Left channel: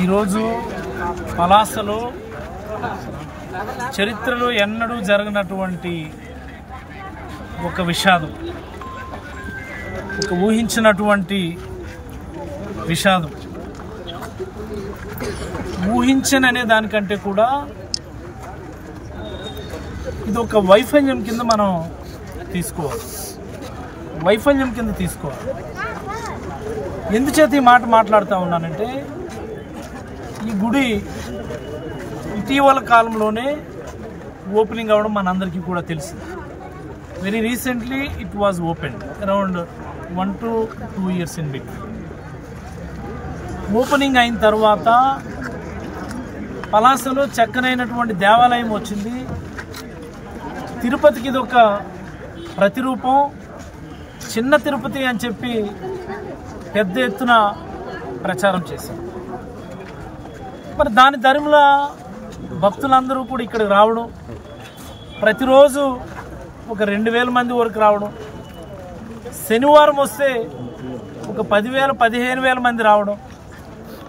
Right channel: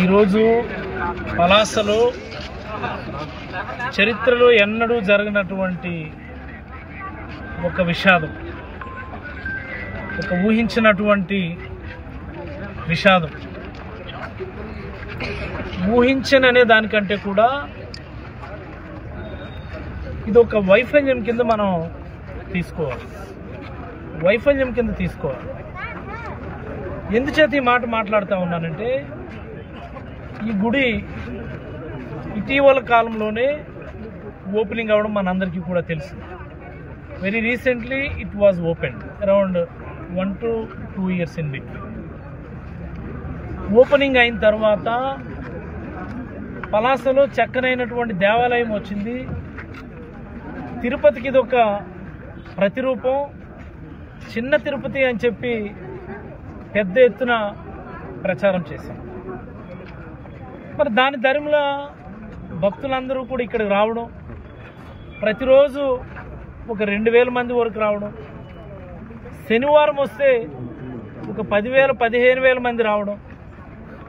ఈరోజు పలాసలో చరిత్రలో ఎన్నడూ జరగనటువంటి ఒక విషాదం, ఒక ఊహించినటువంటి విషాదం. ఊహించననే దానికంటే కూడా ఇది ఒక వైఫల్యం కింద మనం తీసుకోవాలి. ఎందుచేత ఈ మాట మాట్లాడుతూ ఉన్నానంటే, ఈ గుడి ఇటీవల కాలంలోనే ఓపెనింగ్ అవ్వడం మనందరికీ కూడా తెలుసు. Very recently it was opened around 1 to 2 years in between. Opening అయిన తర్వాత పలాసలో చక్కనైనటువంటి దేవాలయం వచ్చింది. తిరుపతికి ఇది ఒక ప్రతిరూపం. చిన్న తిరుపతి అని చెప్పి పెద్ద ఎత్తున ప్రచారం చేశాం. మరి దాని ధర్మలా భక్తులందరూ కూడా ఇక్కడికి రావడం, ప్రతిరోజు ఒక 2000 మంది వరకు రావడం, శనివారం వస్తే ఒక 10,000 15,000 మంది రావడం,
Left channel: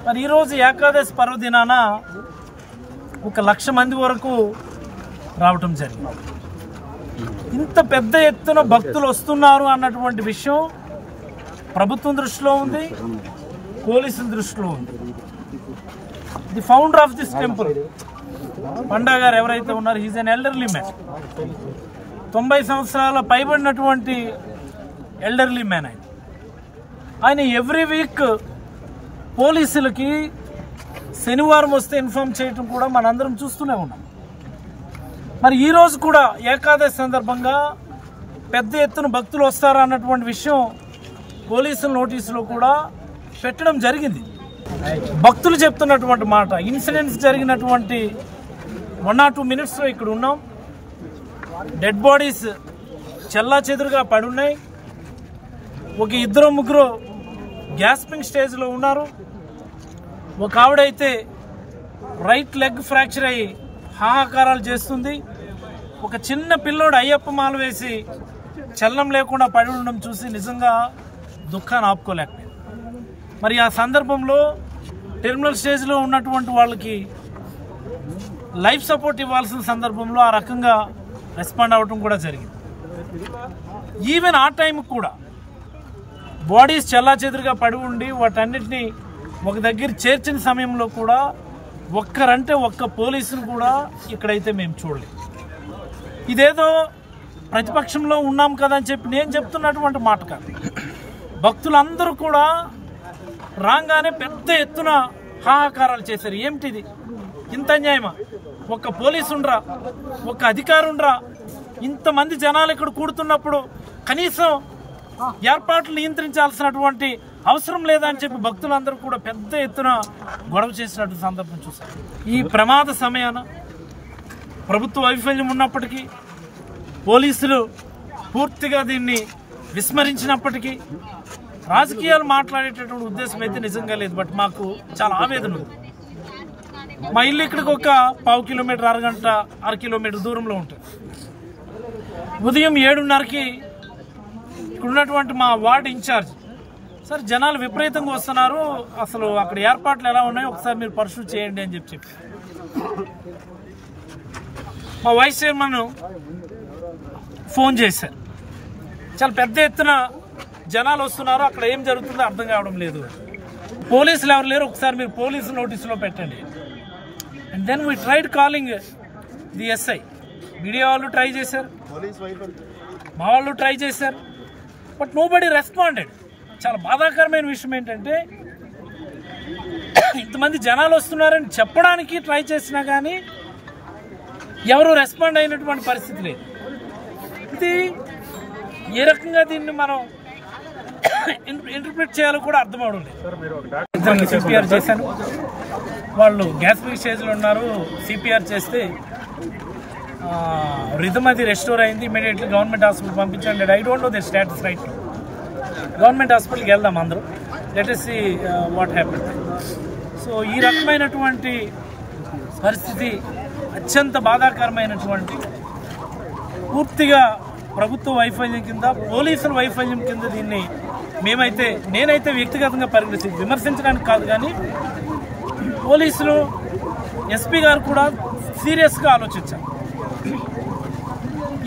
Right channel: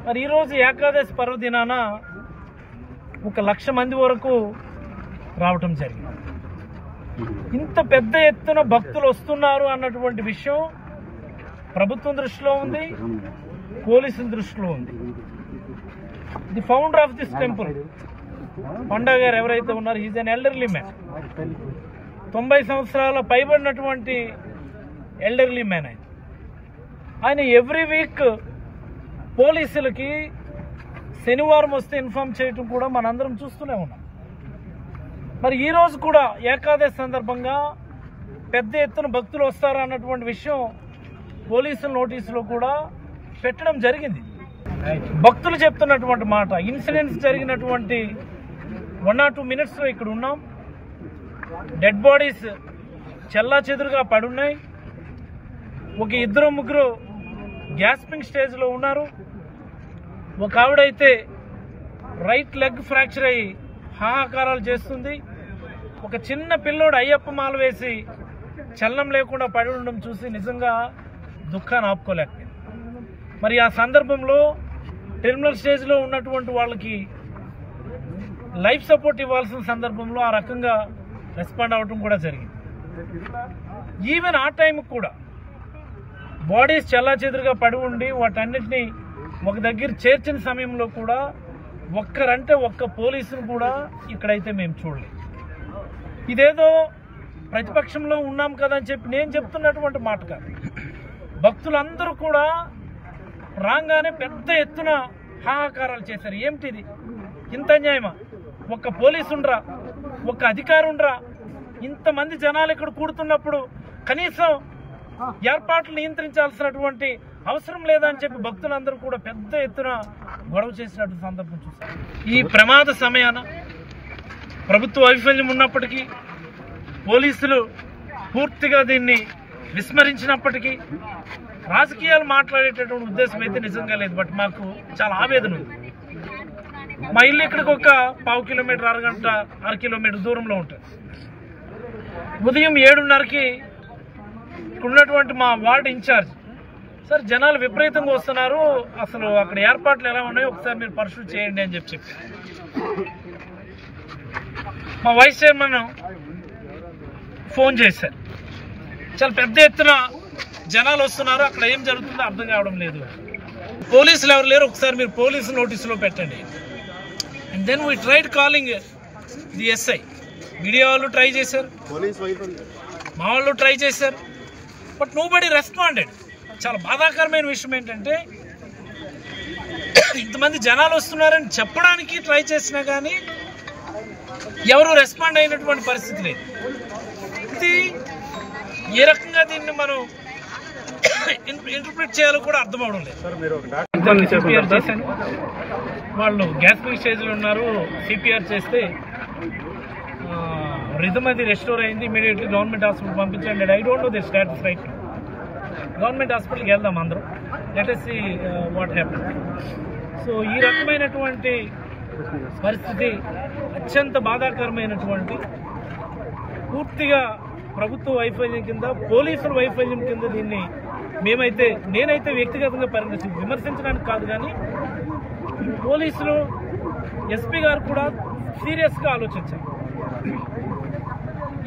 మరి ఈరోజు ఏకాదశి పర్వదినాన 1,00,000 మంది వరకు రావటం జరిగింది. ఇంత పెద్ద ఎత్తున భక్తులు వస్తున్నారు అన్నటువంటి విషయం ప్రభుత్వం దృష్టిలో ఉంది, పోలీసుల దృష్టిలో ఉంది. The founder of this temple Panda గారు ఎవరైతే ఉన్నారో, హీజ్ అన్ ఎల్డర్లీ మ్యాన్. 90 సంవత్సరాల పైబడినటువంటి ఎల్డర్లీ మ్యాన్ ఆయన ఎవ్రీ వీక్ పోలీసులకి శనివారం వస్తే ఇన్ఫార్మ్ చేయటం కూడా మనందరం చూస్తూనే ఉన్నాం. మరి ఈరోజు కూడా ఏకాదశి సందర్భంగా పెద్ద ఎత్తున భక్తులు వస్తారా అన్నటువంటి విషయం పోలీసుల నోటీసులో కూడా పెట్టడం జరిగింది. భక్తులు చెప్తున్నటువంటి మాట, ఇన్సిడెంట్స్ జరిగినటువంటి 1 or 2 minutesలో ఇక్కడ ఉన్నాం. డెడ్ బాడీస్ చెల్లా చెదురుగా పడున్నాయి. ఒక 2-3 గ్యాస్పింగ్ స్టేజ్లో ఉన్నారు. ఒక ఆవిడైతే రైట్ లెగ్ ఫ్రాక్చర్ అయ్యి హాహాకారాలు చేస్తుంది. ఒక చిన్న పిల్లోడు అయ్యప్ప మాల వేసి చలనం లేకుండా పడి ఉండడం చూసి నిజంగా దుఃఖాన్ని ఆపుకోలేకపోయింది. మరి ఆ సందర్భంలో టెర్మినల్ స్టేజ్లో ఉన్నటువంటి వాళ్ళకి లైఫ్ సపోర్ట్ ఇవ్వాల్సిన సందర్భంలో ఆ రకంగా రెస్పాండ్ అవ్వడం కూడా జరిగింది. ఈవెన్ ఆ టైంకి కూడా బాడీస్ చల్లా చెదురుగా పడి ఉండి వాటన్నిటినీ ఒక దగ్గర చేర్చిన సమయంలో కూడా ఒక్క పోలీసులు కూడా ఇక్కడైతే మేము చూడలేదు. ఇదేదో ప్రతిపక్షంలో ఉన్నాం కదా అని చెప్పి నేను చెప్తున్నటువంటి మాట కాదు. భక్తులందరూ కూడా రాగానే పెద్ద ఎత్తున హాహాకారాలు చేశారు. ఏమిటిది, ఇంత అన్యాయమా? ఒక్క పోలీసుండ్రా, ఒక్క అధికారుండ్రా, ఇంతమంది జనాలు ఇక్కడ కూడుతున్నప్పుడు కనీసం ఏర్పాట్లు నియంత్రించాల్సినటువంటి అవసరం లేదని చెప్పి భక్తులందరూ కూడా పెద్ద ఎత్తున గొడవ చేసినట్టు సందర్భం చూశారు. ఈ ప్రమాద సమయాన ప్రభుత్వ వైఫల్యం ఉన్నప్పటికీ, పోలీసులు పూర్తిగా దీన్ని విస్మరించినప్పటికీ, రాజకీయాలు మాట్లాడేటటువంటి ఉద్దేశం అయితే నిజంగా లేదు. బట్ మాకు చాలా ఆవేదన ఉంది. మా ఇల్లు ఇక్కడికి ఒక 1/2 కిలోమీటర్, అరగంట 1 కిలోమీటర్ దూరంలో ఉంటుంది. ఉదయం 7:30కి ఇక్కడ ఉన్నటువంటి మా వార్డు ఇన్ఛార్జ్, సార్ జనాలు విపరీతంగా వస్తున్నారు, అసలు అక్కడ ఏర్పాట్లు ఎలా ఉన్నాయో ఒకసారి మీరు పరిశీలన చేయండి అని చెప్పి మా వైస్ చైర్మన్ ఫోన్ చేశారు. చాలా పెద్ద ఎత్తున జనాలు వస్తున్నారు, అక్కడ ఏం జరుగుతుందో అర్థం కావడం లేదు, పోలీసులు ఎవరు లేరు, ఒకసారి మీరు పోలీసు నోటీసులో పెట్టండి. And then we tried calling the SI. Media వాళ్ళు ట్రై చేశారు, మా వాళ్ళు ట్రై చేశారు, బట్ నోబడీ రెస్పాండెడ్. చాలా బాధాకరమైన విషయం ఏంటంటే, ఇంతమంది జనాలు వస్తున్నారని చెప్పడానికి ట్రై చేసినా కానీ ఎవరు రెస్పాండ్ అయినటువంటి పరిస్థితి లేదు. ఇది ఏ రకంగా దీన్ని మనం ఇంటర్ప్రిట్ చేయాలో కూడా అర్థం అవడం లేదు. సిపిఆర్ చేశాను, వాళ్ళు గ్యాస్పింగ్ స్టేజ్లో ఉన్నారు. సిపిఆర్ చేస్తే రిథమ్ అది రెస్టోర్ అయింది. ఇమీడియట్లీ గవర్నమెంట్ హాస్పిటల్ పంపించండి. I don't know the status right. Government హాస్పిటల్కి వెళ్దాం అందరూ, let us see what happen. So ఈ రకమైనటువంటి పరిస్థితి అత్యంత బాధాకరమైనటువంటి, పూర్తిగా ప్రభుత్వ వైఫల్యం కింద, పోలీసుల వైఫల్యం కింద దీన్ని నేనైతే వ్యక్తిగతంగా విమర్శించడానికి కాదు, కానీ పోలీసులు ఎస్పీ గారు కూడా సీరియస్గా ఆలోచించారు.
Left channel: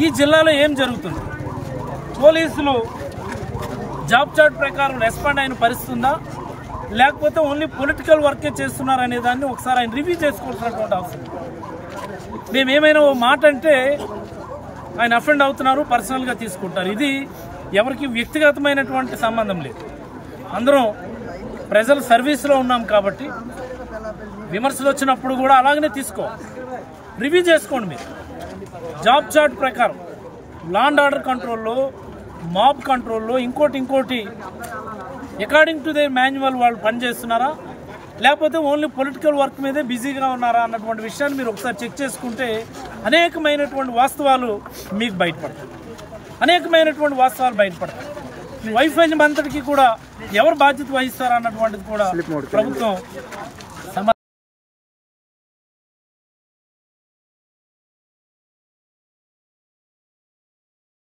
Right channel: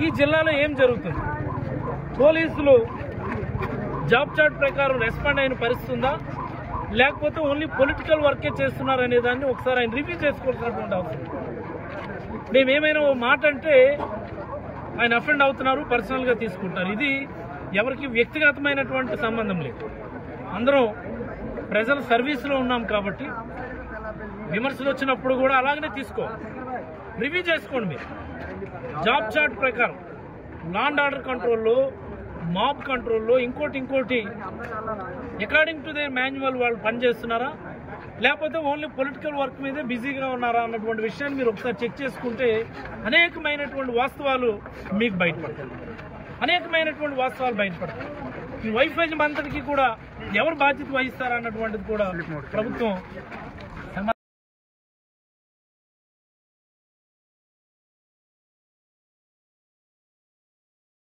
ఈ జిల్లాలో ఏం జరుగుతుంది, పోలీసులు జాబ్ చార్ట్ ప్రకారం రెస్పాండ్ అయిన పరిస్థితి ఉందా, లేకపోతే ఓన్లీ పొలిటికల్ వర్కే చేస్తున్నారనే దాన్ని ఒకసారి ఆయన రివ్యూ చేసుకోవాల్సినటువంటి అవసరం. మేమేమైనా ఓ మాట అంటే ఆయన అఫెండ్ అవుతున్నారు, పర్సనల్గా తీసుకుంటారు. ఇది ఎవరికి వ్యక్తిగతమైనటువంటి సంబంధం లేదు. అందరం ప్రజల సర్వీస్లో ఉన్నాం కాబట్టి విమర్శలు వచ్చినప్పుడు కూడా అలాగనే రివ్యూ చేసుకోండి. మీరు జాబ్ చార్ట్ ప్రకారం లా అండ్ ఆర్డర్ కంట్రోల్లో, మాబ్ కంట్రోల్లో, ఇంకోటి అకార్డింగ్ టు దే మాన్యువల్ వాళ్ళు పనిచేస్తున్నారా, లేకపోతే ఓన్లీ పొలిటికల్ వర్క్ మీదే బిజీగా ఉన్నారా అన్నటువంటి విషయాన్ని మీరు ఒకసారి చెక్ చేసుకుంటే అనేకమైనటువంటి వాస్తవాలు మీకు బయటపడతాయి. ఈ వైఫల్యం అంతటికీ కూడా ఎవరు బాధ్యత వహిస్తారా అన్నటువంటిది కూడా ప్రభుత్వం